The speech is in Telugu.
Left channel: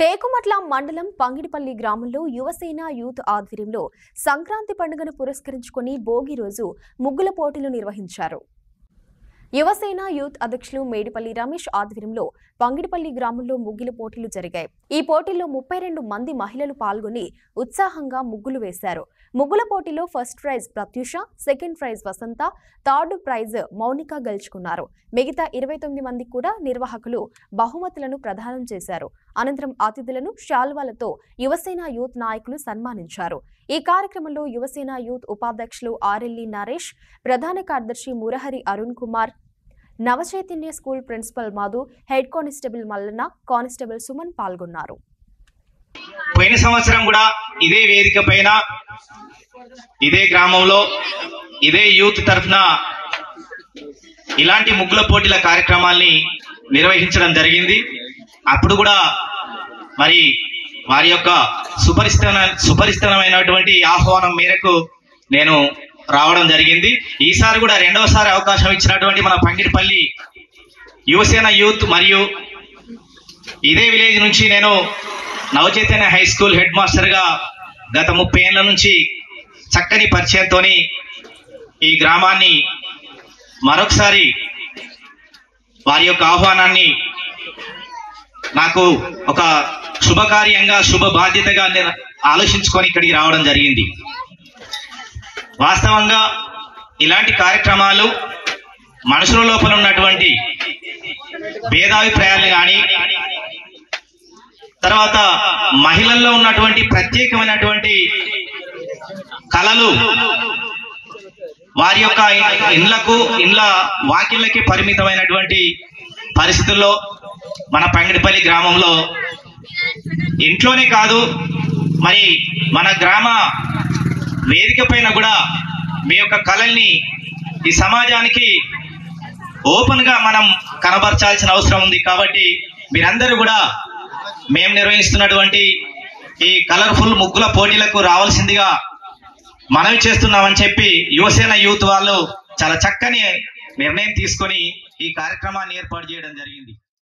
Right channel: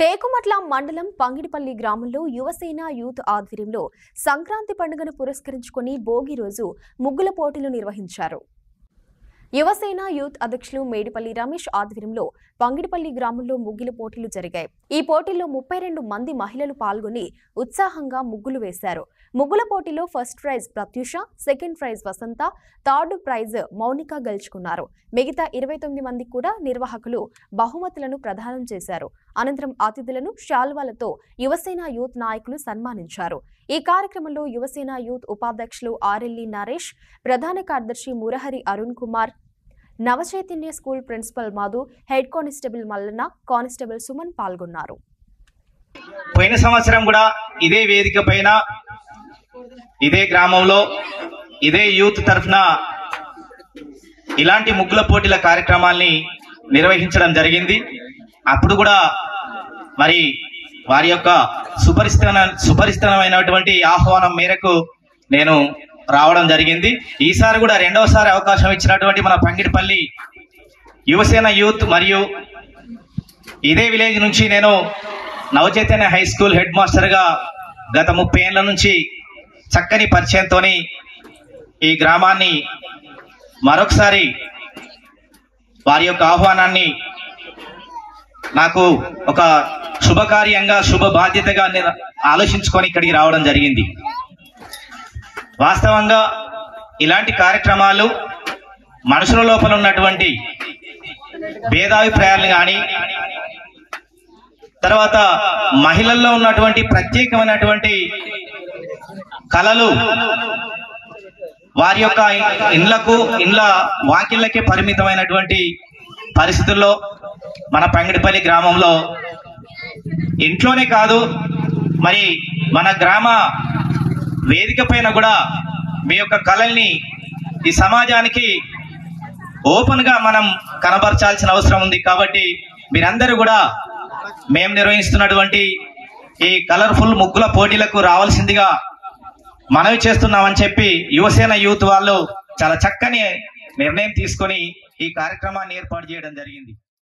టేకుమట్ల మండలం పంగిడిపల్లి గ్రామంలో యువసేన యూత్ ఆధ్వర్యంలో సంక్రాంతి పండుగను పురస్కరించుకొని భోగి రోజు ముగ్గుల పోటీలు నిర్వహించారు. యువసేన యూత్ అధ్యక్షులు మేడిపల్లి రమేష్ ఆధ్వర్యంలో పంగిడిపల్లి గ్రామంలో ముగ్గుల పోటీలు జరిగాయి. ఈ పోటీల్లో 32 మంది మహిళలు పాల్గొని ఉత్సాహంగా ముగ్గులు వేశారు. ముగ్గుల పోటీలో first prize Pratyusha, second prize Vasantha, third prize Mounika గెలుచుకున్నారు. మిగతా 29 మంది కూడా నిర్వాహకులు బహుమతులను ప్రదానం చేశారు. అనంతరం అతిథులను శాల్వాలతో యువసేన యూత్ నాయకులు సన్మానించారు. ఈ కార్యక్రమంలో యువసేన యూత్ ఉపాధ్యక్షులు ఆర్ఎల్ఈ నరేష్, ప్రధాన కార్యదర్శి Murahari Arun Kumar, Navachaitanya school principal Madhu, head constable Mallanna, constable Suman పాల్గొన్నారు. పోయిన సంవత్సరం కూడా ఇదే వేదిక పైన ఇదే గ్రామంలో ఇదే యూత్ తరఫున ఇలాంటి ముగ్గుల పోటీల కార్యక్రమాల్ని నిర్వహించడం జరిగింది. అప్పుడు కూడా మరి వారి యొక్క సుపరిస్థితమైనటువంటి ఆహ్వానం మేరకు నేను రావడం జరిగింది. ఈసారి కూడా రెండవసారి అవకాశం ఇచ్చినటువంటి మన పంగిడిపల్లి యువసేన యూత్ మరియు ఇదే విలేజ్ నుంచి నేను నవచైతన్య హై స్కూల్ హెడ్ మాస్టర్గా గత 30 ఏళ్ల నుంచి చక్కని పరిచయంతో ఈ గ్రామాన్ని మరొకసారి వారి యొక్క ఆహ్వానాన్ని నాకు ఒక శుభకార్యంగా శుభ బాధ్యతగా ఆలోచించుకొని ఇక్కడికి రావడం జరిగింది. వాస్తవంగా ఇలాంటి కార్యక్రమాలు మనుషుల లోపల ఉన్నటువంటి భేదాభిప్రాయాలు కానీ, తర్వాత మహిళల్లో ఉన్నటువంటి ప్రత్యేకమైనటువంటి కళలు వారి యొక్క ఇండ్ల వాకిళ్ళకే పరిమితమైనటువంటి పరిస్థితుల్లో మన పంగిడిపల్లి గ్రామంలో ఇంట్లోనే కాదు మరి మన గ్రామ వేదిక పైన కూడా మీ యొక్క కళల్ని ఈ సమాజానికి ఓపెన్ గా మనం కనబరచాల్సిన అవసరం ఉంది. కాబట్టి మీరందరూ కూడా మేము నిర్వహిస్తున్నటువంటి ఈ కలర్ఫుల్ ముగ్గుల పోటీలకు రావాల్సిందిగా మనవి చేస్తున్నామని చెప్పి యువసేన యూత్ వాళ్ళు చాలా చక్కని నిర్ణయం తీసుకొని ఈ కార్యక్రమాన్ని ఏర్పాటు చేయడం జరిగింది.